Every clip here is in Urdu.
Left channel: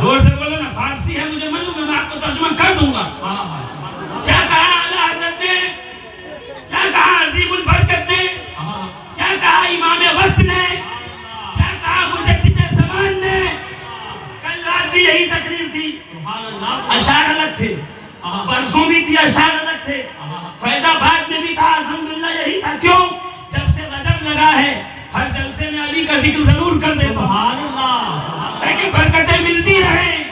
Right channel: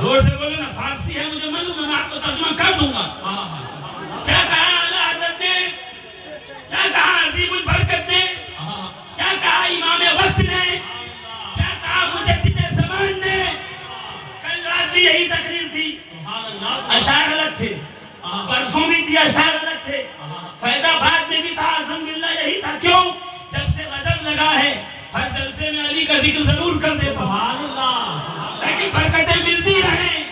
زور سے بولو نا، فارسی ہے مجھے معلوم ہے، میں آپ کو ترجمہ کر دوں گا. کیا کہا اعلیٰ حضرت نے، کیا کہا عظیم البرکت نے، کیا کہا امام وقت نے، کیا کہا مجدد زمان نے. کل رات بھی یہی تقریر تھی، اشعار الگ تھے، پرسوں بھی تھی اشعار الگ تھے، فیض آباد میں بھی تھا، الحمدللہ یہی تھا. کیوں؟ جب سے رجب لگا ہے ہر جلسے میں علی کا ذکر ضرور کر دیتا ہوں تاکہ برکتیں ملتی رہیں.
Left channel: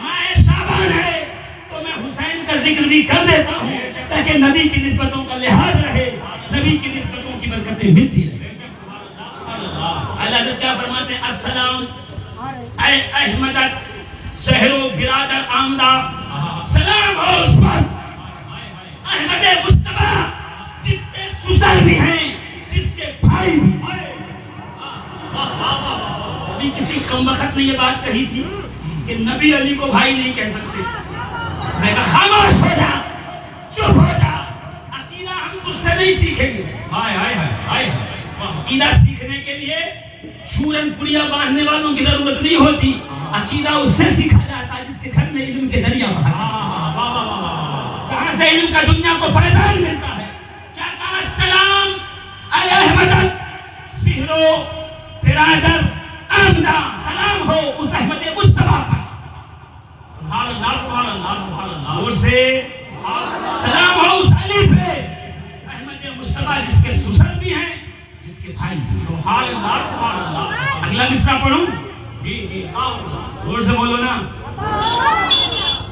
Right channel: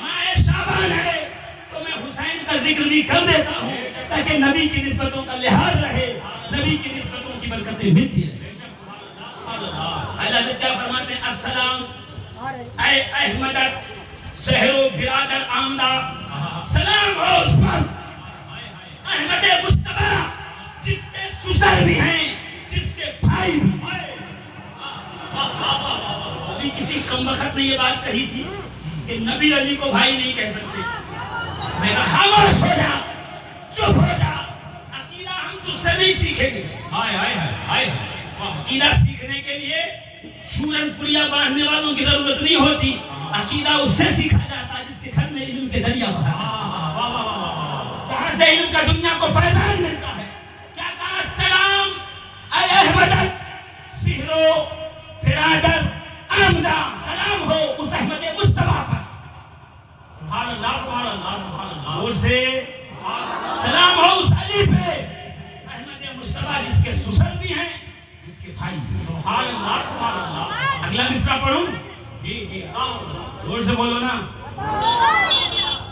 ماہ شعبان ہے تو میں حسین کا ذکر بھی کر دیتا ہوں تاکہ نبی کی نسبتوں کا لحاظ رہے، نبی کی نسبتوں کی برکتیں ملتی رہیں. اللہ کیا فرماتے ہیں؟ السلام اے احمدت سحر و برادر آمدہ، سلام ہو اس پر احمد مصطفیٰ جس کے سسر بھی ہیں، جس کے بھائی بھی ہیں. ابھی کسی کم وقت نے یہ بات کہی تھی کہ نبی علی کو بھائی نہیں کہہ سکتے. میں کہا خاموش ہو جا، چپ ہو جا، عقیدہ ہم تجھ سے نہیں سیکھیں گے. عقیدہ سیکھنے کے لیے شورن پڑیا باندھنے والوں کی ضرورت نہیں ہوتی. عقیدہ اس سے سیکھا جاتا ہے جس کے گھر میں علم کے دریا بہا، جہاں سے علم کا دنیا کو فیضان ملتا ہے. کیا کہا؟ السلام اے احمدت سحر و برادر آمدہ، سلام ہو اس احمد مصطفیٰ پر. اور سے سلام ہو اس علی پہ احمد مصطفیٰ جس کے سسر بھی ہیں، جس کے بھائی بھی ہیں. اگلا مصرع پڑھوں؟ زور سے بولو نا،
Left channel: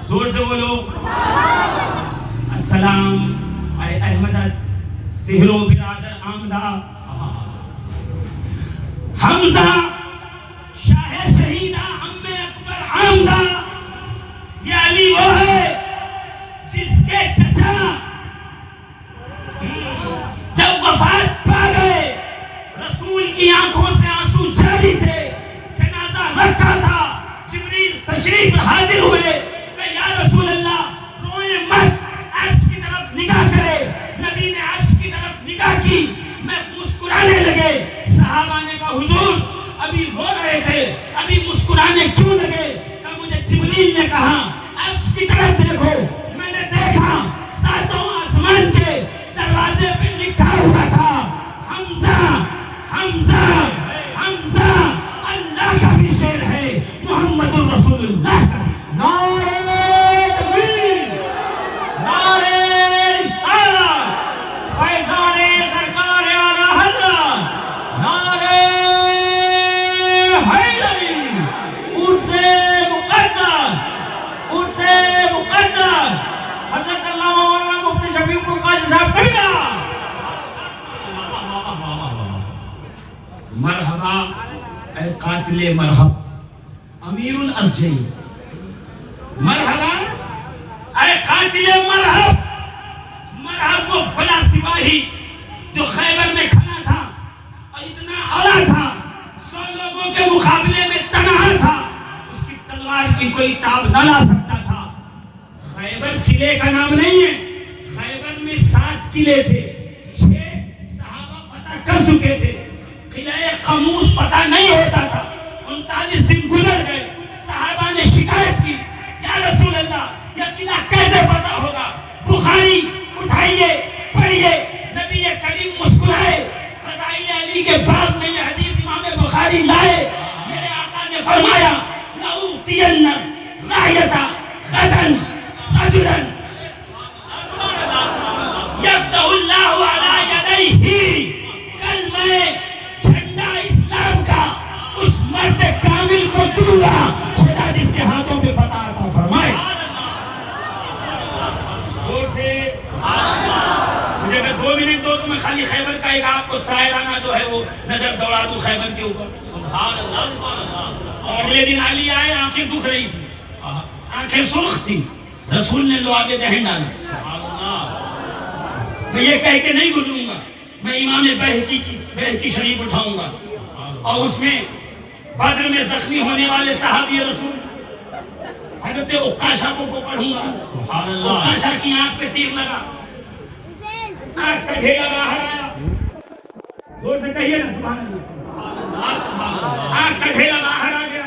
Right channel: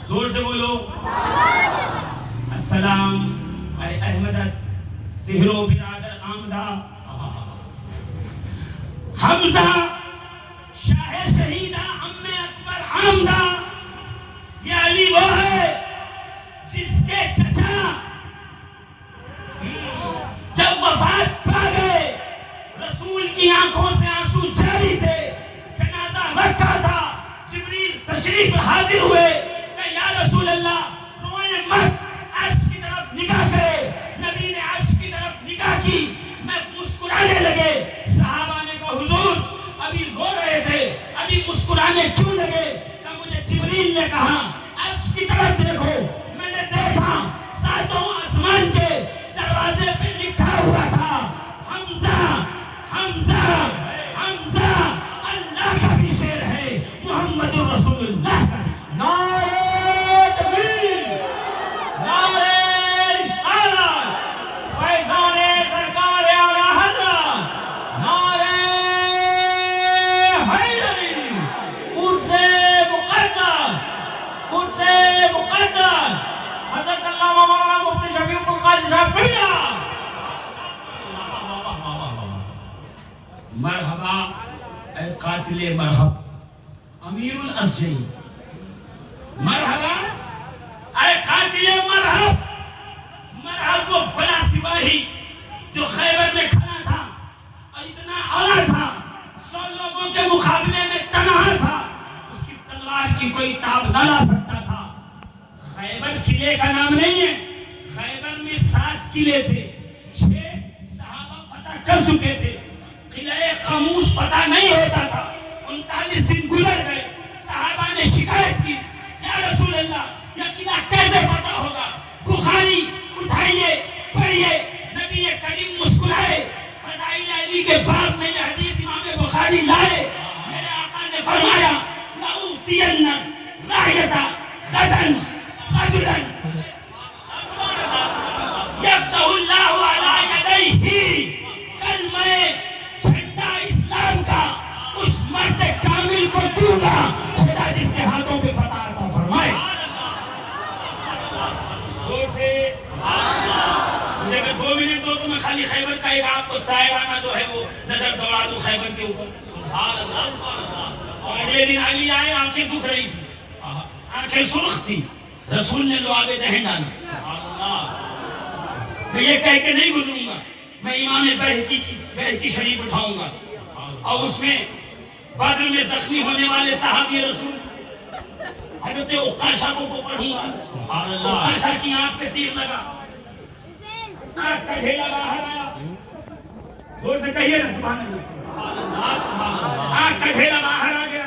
زور سے بولو. السلام اے احمدت سحر و برادر آمدہ، حمزہ شاہ شہیدہ ام اکبر آمدہ. یہ علی وہ ہے جس کے چچا جب وفات پا گئے رسول کی آنکھوں سے آنسو جاری تھے، جنازہ رکھا تھا، جبریل تشریف حاضر ہوئے کہ یا رسول اللہ روئیں مت، عرش کی طرف نگاہ کرے. نبی نے عرش کی طرف نگاہ کی، میں مسکرانے لگے. صحابہ نے کہا حضور ابھی رو رہے تھے، ابھی مسکرانے کیوں لگے؟ کہ مجھے جبریل نے کہا عرش کی طرف دیکھو. میں نے دیکھا ساتوں آسمان کے دروازے پہ لکھا ہوا تھا حمزہ حمزہ حمزہ. اللہ کا بھی شعر ہے، محمد رسول اللہ کا. نعرہ تکبیر، نعرہ رسالت، فیضان سرکار اعلیٰ حضرت، نعرہ حیدری. عرس مقدس، عرس مقدس حضرت علامہ مولانا مفتی شفیق القادری صاحب کبیرہ. مرحبا اے قاتل مرحب امیر الارجین، مرحبا اے قاتل مرحب. مرحب وہ بڑا سپاہی جو خیبر میں کھڑا تھا اور اتنا اعلیٰ تھا، 100 لوگوں کے مقابلے میں تنہا تھا، اس کی تلوار کی کوئی تاب نہ لا سکتا تھا. خیبر قلعے کا نام نہیں ہے، خیبر میں 7 قلعے تھے، 6 صحابہ فتح کر چکے تھے. قلعہ قاموس پتہ نہیں ہوتا تھا. 39 دن گزر گئے، صحابہ نے شکایت کی یا رسول اللہ یہ قلعہ کیسے فتح ہوگا؟ بخاری اٹھائیے پڑھیے. نبی کریم مسکرائے، فضائل علی کے باب میں یہ حدیث امام بخاری لائے. میرے آقا نے فرمایا لَأُوتِيَنَّ رَاحِلَةَ غَدًا رَجُلًا يَفْتَحُ اللَّهُ عَلَى يَدَيْهِ. کل میں جھنڈا اسلام کا اس مرد کامل کو دوں گا خدا جس کے ہاتھوں پہ فتح عطا فرمائے. مجھے اگر 2 منٹ دو تو میں خالی خیبر کا ایک آپ کو طائرانہ جو ہے وہ نظر دوڑا دوں خیبر کے اوپر. سبحان اللہ سبحان اللہ. اور اگلے دن علی آئے، آنکھیں دکھ رہی تھی، آنکھیں سرخ تھی. رسول نے لعاب دہن ڈالے. میں یہ کہہ کے نہیں گزروں گا، میں امام بہقی شریف اٹھاؤں گا اور اس میں بدر میں زخمی ہونے والے صحابی رسول حضرت عکاشہ کو پڑھوں گا. عکاشہ کی آنکھ پہ تیر لگا، آنکھ کا ڈھیلا باہر آیا. زور سے کہیے نا سبحان اللہ. آنکھ کا ڈھیلا باہر آ گیا.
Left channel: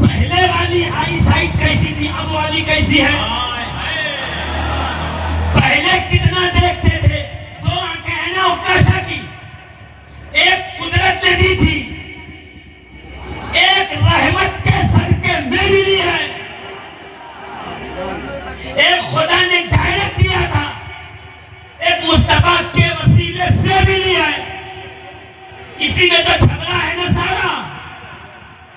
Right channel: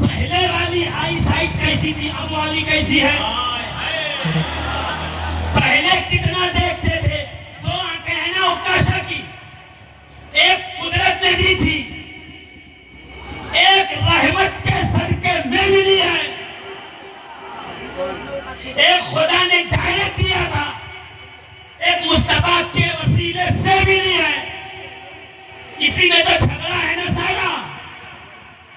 پہلے والی آئی سائٹ کیسی تھی، اب والی کیسی ہے؟ پہلے کتنا دیکھتے تھے، 2 آنکھیں ہیں نا عکاشہ کی، ایک قدرت نے دی تھی، ایک رحمت کے صدقے میں ملی ہے، ایک خدا نے ڈائریکٹ دیا تھا، ایک مصطفیٰ کے وسیلے سے ملی ہے۔ اسی میں تو جھگڑا ہے نا سارا،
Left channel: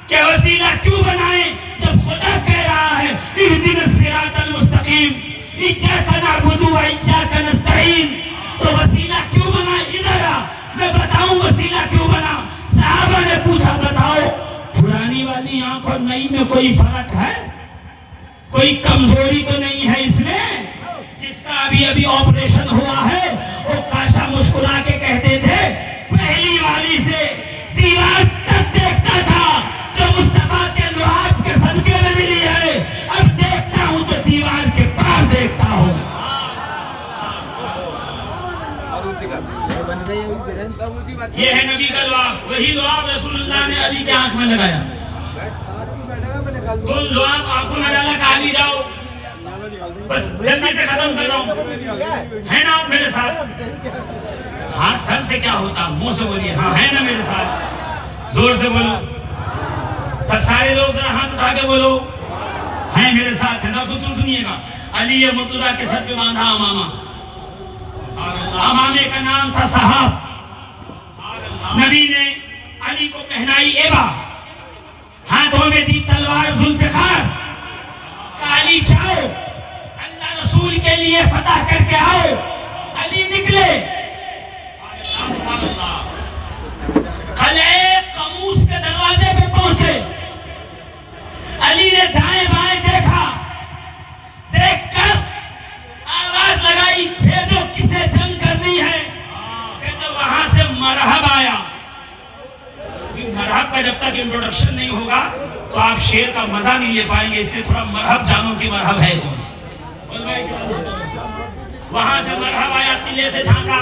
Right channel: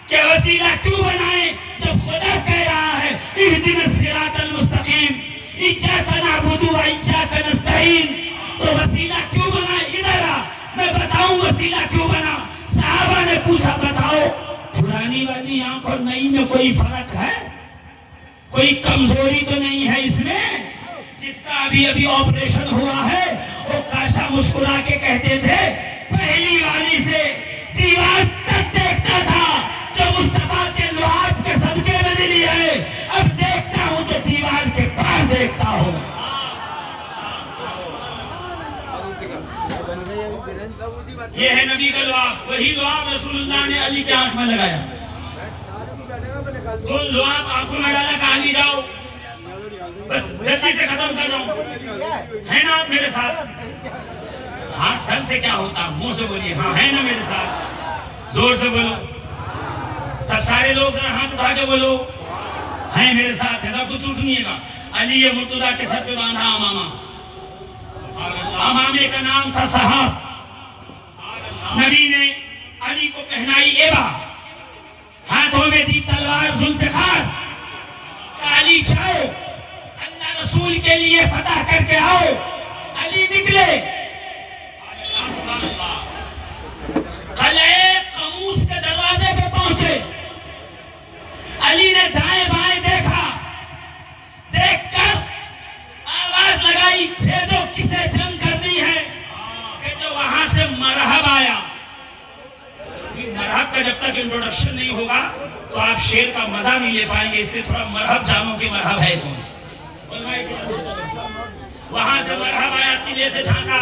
کہ وسیلہ کیوں بنائیں جب خدا کہہ رہا ہے اہدنا الصراط المستقیم، ایاک نعبد و ایاک نستعین، تو وسیلہ کیوں بنا؟ ادھر آ میں بتاؤں وسیلہ کیوں بنا۔ صحابہ نے پوچھا بتاؤ پرانی والی آنکھ اور نئی میں کوئی فرق ہے؟ کوئی کمزوری تو نہیں ہے اس میں؟ جس کا ابھی ابھی آپریشن ہوا ہے وہ کاشا مسکرا کے کہتے تھے پہلی والی سے دیوار تک دیکھتا تھا جو مصطفیٰ کے لعاب کے صدقے میں ملی ہے، اب دیکھتا ہوں تو دیوار کے پار دیکھتا ہوں۔ یہ ہے نبی کا لعاب، وہی لعاب رسول اللہ نے علی کے آنکھ میں لگایا۔ تم لعاب آنکھوں میں ڈالا کہ علی جاؤ، بس جلدی سے ختم کر رہا ہوں، ہے نا آپ میرے ساتھ؟ ہاں سر سے کیا ہوتا، منہ سے بولیے، ہاں ہے نا میرے ساتھ، زور سے بولو، سب سارے لوگ ذرا ہاتھ اٹھا کے بولو ہیں میرے ساتھ، ہے نا؟ خود سنیے گا، علی مرتضیٰ کے سر پہ باندھا امامہ، امامے کا نام تھا صحاب، نبی نے علی کو پہنائی ایبا، ہاتھوں میں دی تلوار ذوالفقار، علی جاؤ اللہ رسول کے لیے فتح کر کے آؤ۔ علی نکلے، قلعے قموس کے دروازے پہ پہنچے، علی نے دائیں بائیں دیکھا، دیکھ کر آواز لگائی بھیجو کسے جنگ کرنی ہے، کہتے وہاں سے مرحب آیا۔ مرحب کا جب تک انٹروڈکشن نہیں ہوگا تو آپ شعر کا مزہ نہیں لے پائیں گے، اس لیے تھوڑا مرحب جانو کہ مرحب ہے کون۔ وہاں سے مرحب آیا، قلعے سے جھانکا،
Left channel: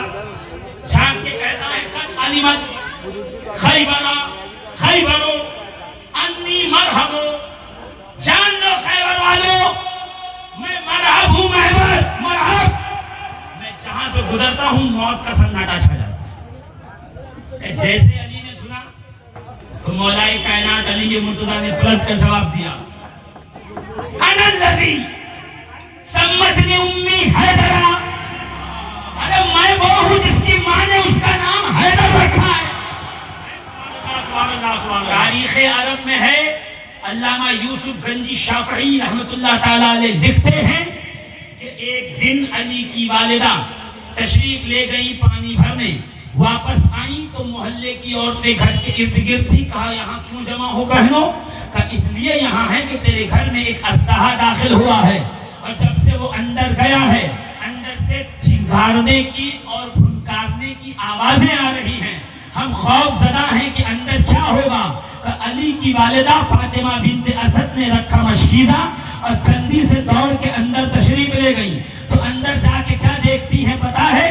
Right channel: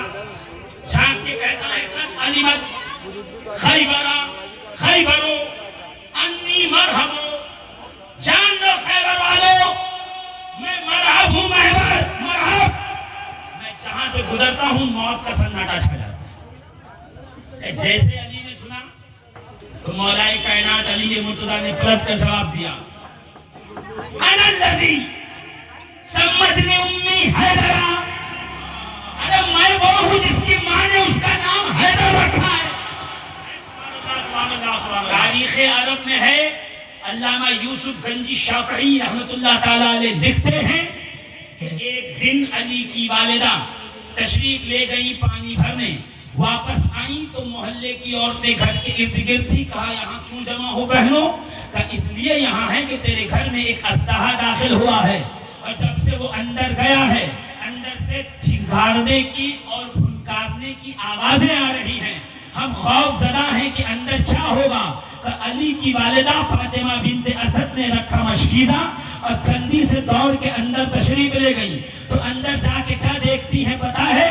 جھانک کے کہتا ہے قد علمت خیبرا خیبرو انی مرحبو، جان لو خیبر والو میں مرحب ہوں، مرحب، میں جہاں سے گزرتا ہوں موت کا سناٹا چھا جاتا ہے۔ جیسے علی نے سنا تو مولا کائنات علی مرتضیٰ نے پلٹ کر جواب دیا، انا الذی سمتنی امی حیدرا، ارے میں وہ ہوں جس کی ماں نے اس کا نام حیدر رکھا ہے۔ تاریخ عرب میں ہے، علامہ یوسف گنجی شافعی رحمت اللہ تعالیٰ علیہ لکھتے ہیں کہ ایک دن علی کی والدہ تشریف لے گئی پانی بھرنے، واپس آئیں تو محلے کی عورتیں گھر کے ارد گرد تھی، کہا یہاں کیوں جمع ہو بہنوں؟ کہا اس لیے یہاں ہے کہ تیرے گھر میں ایک اژدہا داخل ہوا ہے، اور جب سے وہ اندر گیا ہے اندر سے چنگھاڑنے کی اور پھنکارنے کی آوازیں آ رہی ہیں، ہم خوف زدہ ہیں کہ اندر کیا ہوگا۔ کہ علی کی والدہ فاطمہ بنت اسد نے رکھا مشکیزہ اور جلدی سے دوڑ کے اندر تشریف لے گئی، تو اندر جا کے کیا دیکھتی ہیں پتا ہے؟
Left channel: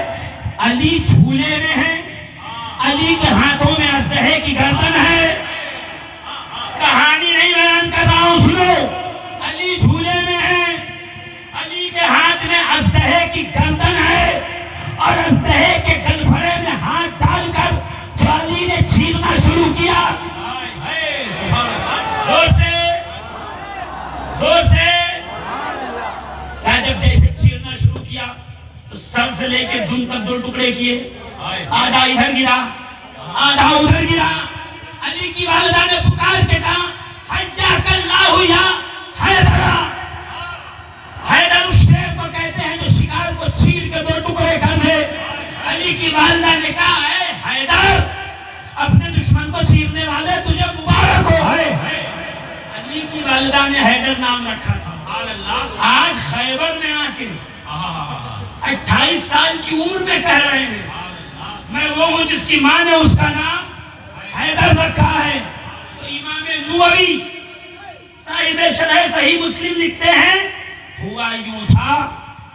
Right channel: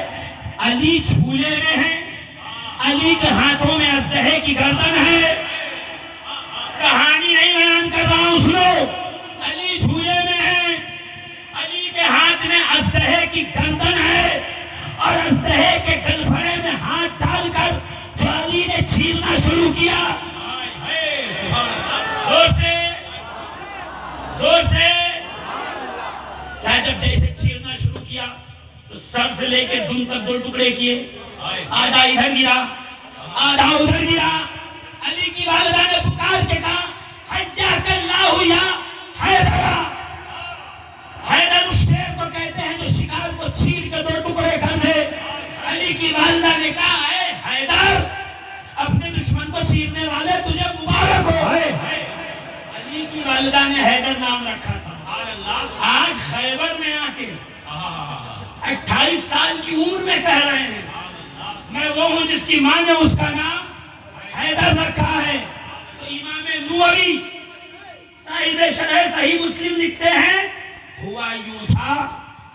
علی جھولے میں ہے، علی کے ہاتھوں میں اژدہے کی گردن ہے، کہانی نہیں بیان کر رہا ہوں سنو، علی جھولے میں ہے، علی کے ہاتھ میں اژدہے کی گردن ہے، اور اژدہے کے گلبھرے میں ہاتھ ڈال کر جو علی نے چیرنا شروع کیا، زور سے کیا جب جیسے چیرنا شروع کیا تو سر سے لے کے دن تک 2 ٹکڑے کیے، آدھا ادھر گرا آدھا ادھر گرا۔ علی کی والدہ نے پکار کے کہا حجاک اللہ یا حیدر، حیدر اس شیر کو کہتے ہیں جو شکار کو چیر کے 2 ٹکڑے کر دے۔ علی کی والدہ نے کہا اے حیدر، اپنے دشمن کو چیرنے والے تجھے مبارک ہو۔ علی کی والدہ نے حیدر نام رکھا تھا۔ آج خیبر میں آ کے 28 سال کی عمر میں کہہ رہے ہیں میں وہ ہوں جس کی ماں نے اس کا نام حیدر رکھا ہے۔ تو امام نووی صاحب شرح صحیح مسلم لکھتے ہیں ہوا یوں تھا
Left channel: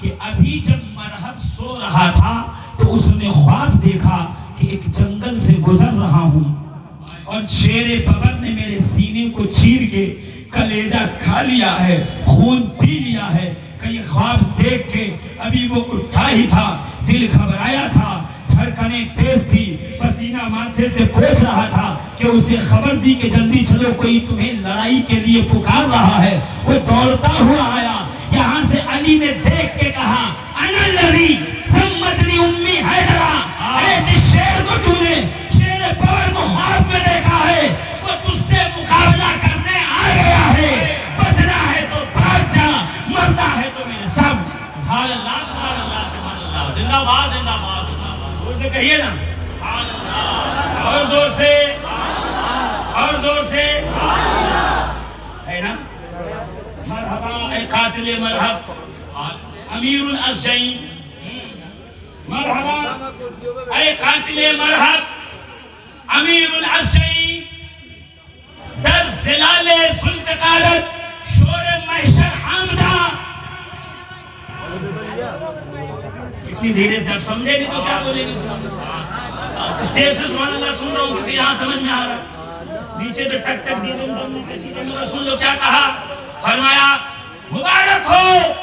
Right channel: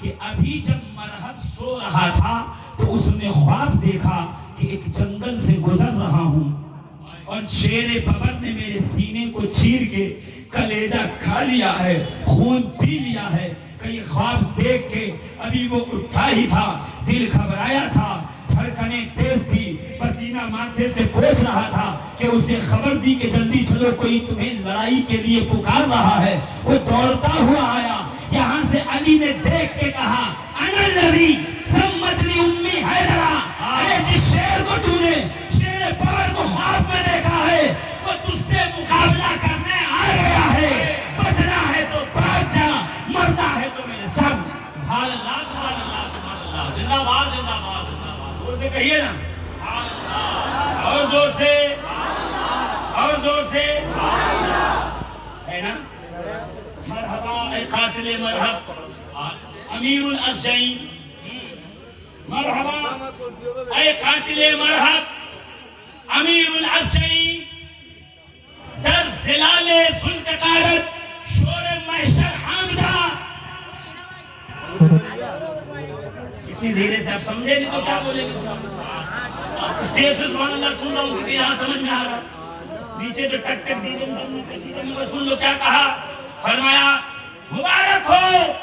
کہ ابھی جب مرحب سو رہا تھا تو اس نے خواب دیکھا کہ ایک جنگل سے گزر رہا ہوں اور شیر ببر نے میرے سینے کو چیر کے کھا لیا ہے، خون پی لیا ہے. کئی خواب دیکھ کے ابھی وہ اٹھا ہی تھا، دل گھبرایا تھا، دھڑکنیں تیز تھی، پسینہ ماتھے سے پوچھ رہا تھا کہ اسے خبر دی کہ جلدی چلو، کوئی تمہیں لڑائی کے لیے پکار رہا ہے. وہ دوڑتا ہوا آیا. یہاں سے علی نے دیکھ کے کہا انا الذی سمتنی امی حیدرہ. ارے جس شیر کو تو نے شیر پور کو خواب میں دیکھا ہے وہ تجھ سے مقابلہ کرنے آ گیا ہے. بچنا ہے تو بچ جا، مرنا ہے تو میرے سامنے. سبحان اللہ سبحان اللہ سبحان اللہ. زندہ باد زندہ باد زندہ باد. زور سے کہیے نا، سبحان اللہ اور زور سے، اور زور سے ہے نا. مرحبا اے قاتل مرحب امیر الاشجعین، مرحبا اے قاتل مرحب امیر الاشجعین. در زلال ذوالفقارت شور محشر آمدہ. اتنی دھیرے سے آپ سمجھے نہیں تو کیا بولیں گے؟ اسٹیج سے سبحان اللہ سن رہا ہوں کیونکہ یہاں سمجھ میں آ رہا. نیچے تو ٹک ٹک دے دوں. سن لو کیا کہا. فرمایا مبارک ہو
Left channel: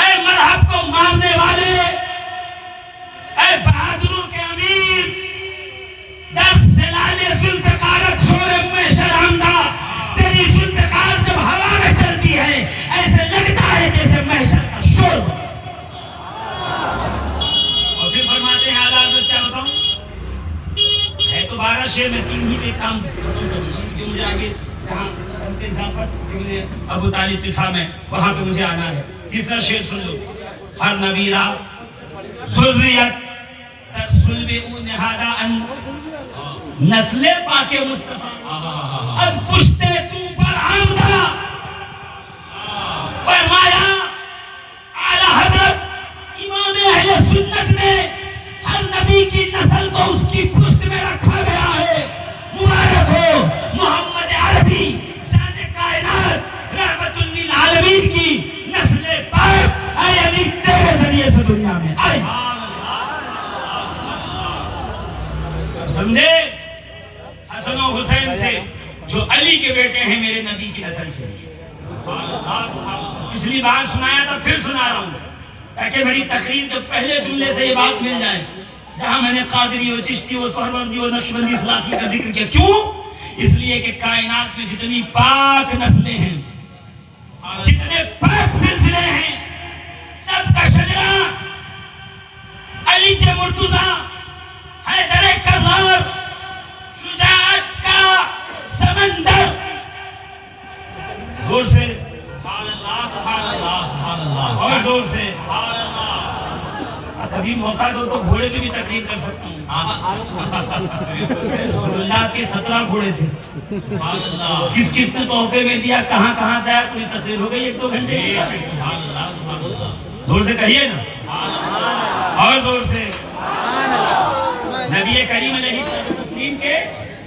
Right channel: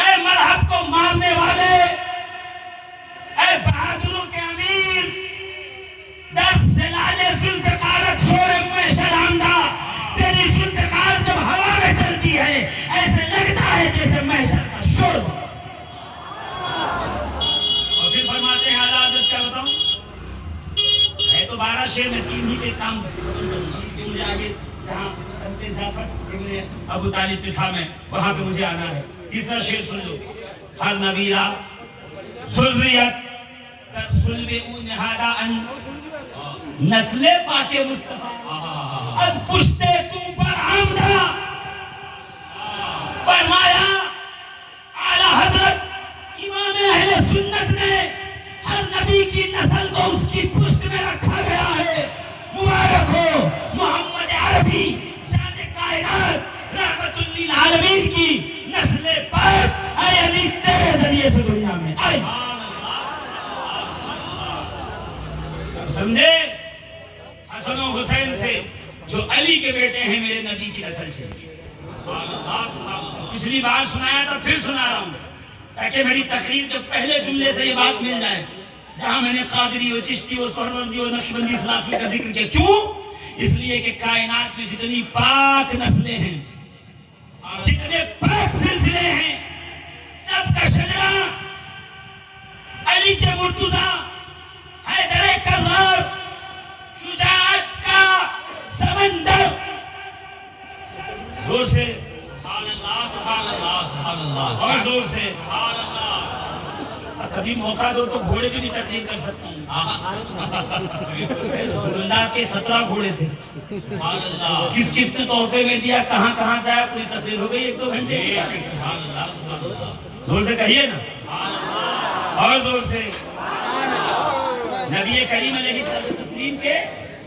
اے مرحب کو مارنے والے، اے بہادروں کے امیر. در زلال ذوالفقارت شور محشر آمدہ. تیری ذوالفقار جب ہوا میں چلتی ہے ایسے لگتا ہے جیسے محشر کا شور. اور پھر فرماتے ہیں اعلیٰ حضرت، کیا بتاؤں ہے تو 12 شعر میں 3 ہی پہ کام کیوں مجھے آگے جہاں ابو طالب پہ تھا میں وہاں پہ مجھے آنا ہے. تیسرا شعر سن لو. ہر نبیرہ ذریت در صلب او نہادہ ان نسل پاک مصطفیٰ از پشت تو پر آمدہ. فرمایا اعلیٰ حضرت امام اہل سنت نے ہر نبی کی نسل کو اس کی پشت میں رکھا گیا ہے. مبارک ہو محمد عربی جان کائنات رحمت للعالمین کی نسل پاک. اے علی تیرے ذریعے سے دنیا میں آئے. سمجھے؟ حسن و حسین سے جو علی کے بیٹے ہیں میرے نبی کی نسل سے. پچھلی بار سنایا تھا پھر سنا رہا ہوں تاکہ میری تقریر کے پہلے جملے سے یہ بات مل جائے. جہاں میں نے قادری و چشتی و سہروردی و نقشبندی سلاسی کا ذکر کیا. کیوں؟ اس لیے کہ کائنات میں جتنی پاک نسلیں ہیں، جتنے پاک سلسلے ہیں، سب کا شجرہ علی کے مرتضیٰ، حیدر کرار، شجاعت کا سمندر. زور سے سبحان اللہ سبحان اللہ سبحان اللہ. اور زور سے. سبحان اللہ. کبھی موقع دو تو گھوڑے پہ بھی تقریر کر سکتا ہوں. رسول اللہ کے 17 گھوڑے تھے. سبحان اللہ. کس کس نے تحفے میں دیا، کہاں کہاں سے آیا، کوئی تقریر ہو گئی 1-2 گھنٹے کی. سبحان اللہ سبحان اللہ. زور سے کہیے نا، سبحان اللہ. اور زور سے. نبی کریم علیہ السلام کے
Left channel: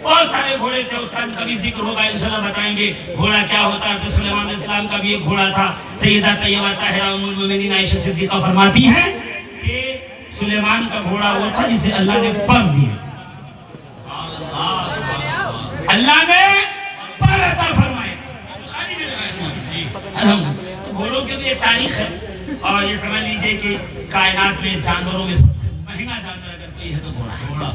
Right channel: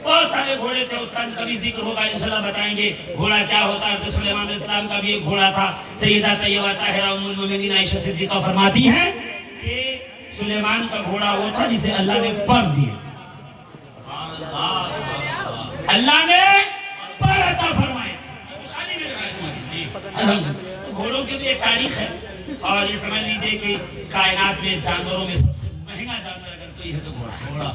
بہت سارے گھوڑے تھے. اس کا کبھی ذکر ہوگا انشاءاللہ بتائیں گے گھوڑا کیا ہوتا ہے. تو سلیمان علیہ السلام کا بھی ایک گھوڑا تھا. سیدہ طیبہ طاہرہ ام المؤمنین عائشہ صدیقہ فرماتی ہیں کہ سلیمان کا گھوڑا وہ تھا جسے اللہ نے پر دیا. اللہ نے پر عطا فرمایا. تو گھوڑوں کی بھی ایک تاریخ ہے. اور یہ سمجھ لیجئے کہ کائنات میں جانوروں میں سب سے مہنگا جانور اگر کوئی ہے تو گھوڑا.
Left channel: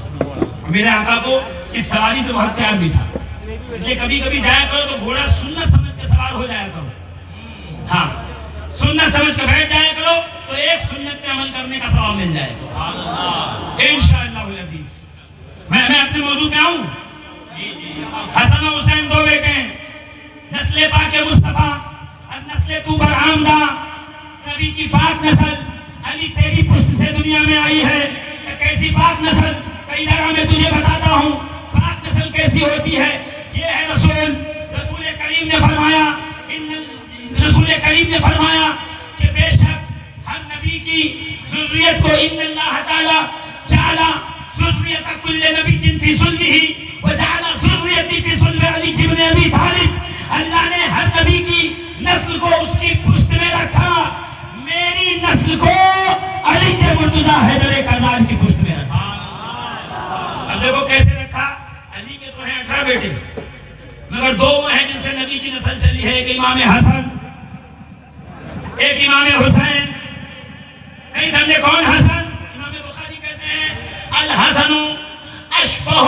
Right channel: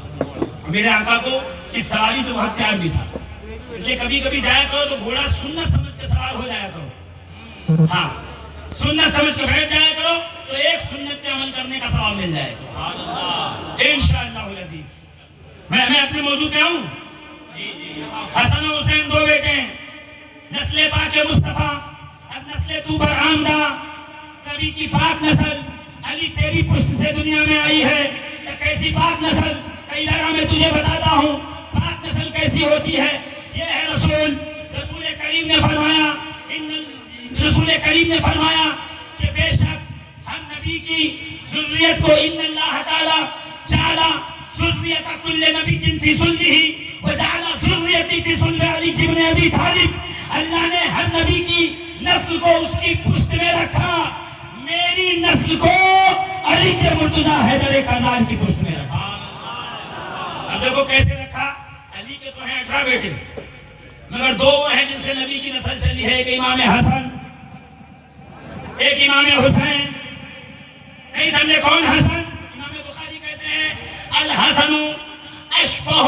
میرے آقا کو اس سواری سے بہت پیار بھی تھا. اس لیے کبھی کبھی جایا کرو تو گھوڑا سنت سمجھ کے سوار ہو جایا کرو. ہاں سنت سمجھ کے بیٹھ جایا کرو تو ایک سنت پہ عمل کرنے کا ثواب مل جائے گا انشاءاللہ العزیز. میں اپنے موضوع پہ آؤں. حسن و حسین 2 بیٹے ہیں، نسل پاک مصطفیٰ از نسل تو برآمدہ. نبی کی پاک نسل علی تیری پشت سے دنیا میں آئی ہے. کہ کیسی پاک نسل؟ کئی جگہ میں تجھے بتاتا ہوں پاک نسل کیسی ہوتی ہے. یہ ہے رسول کریم نے فرمایا، رسول کریم نے فرمایا کہ بے شک ہر نبی کی ذریت کو ان اللہ تعالی جعل ذریت کل نبی فی صلبہ وجعل ذریتی فی صلب علی بن ابی طالب. اللہ نے ہر نبی کی نسل کو اس کی پشت میں رکھا. میری نسل کو علی کے مرتضیٰ حیدر کرار کی پشت میں رکھا. اب دیکھو کیسے رکھا. علی کے تو ہیں 18 بیٹے. مگر دو ہیں جن سے نبی کی نسل چلی ہے، ایک امام حسن، ایک امام حسین. نہیں سمجھے کون حسن؟ امام بخاری کہتے ہیں الحسن اشبہ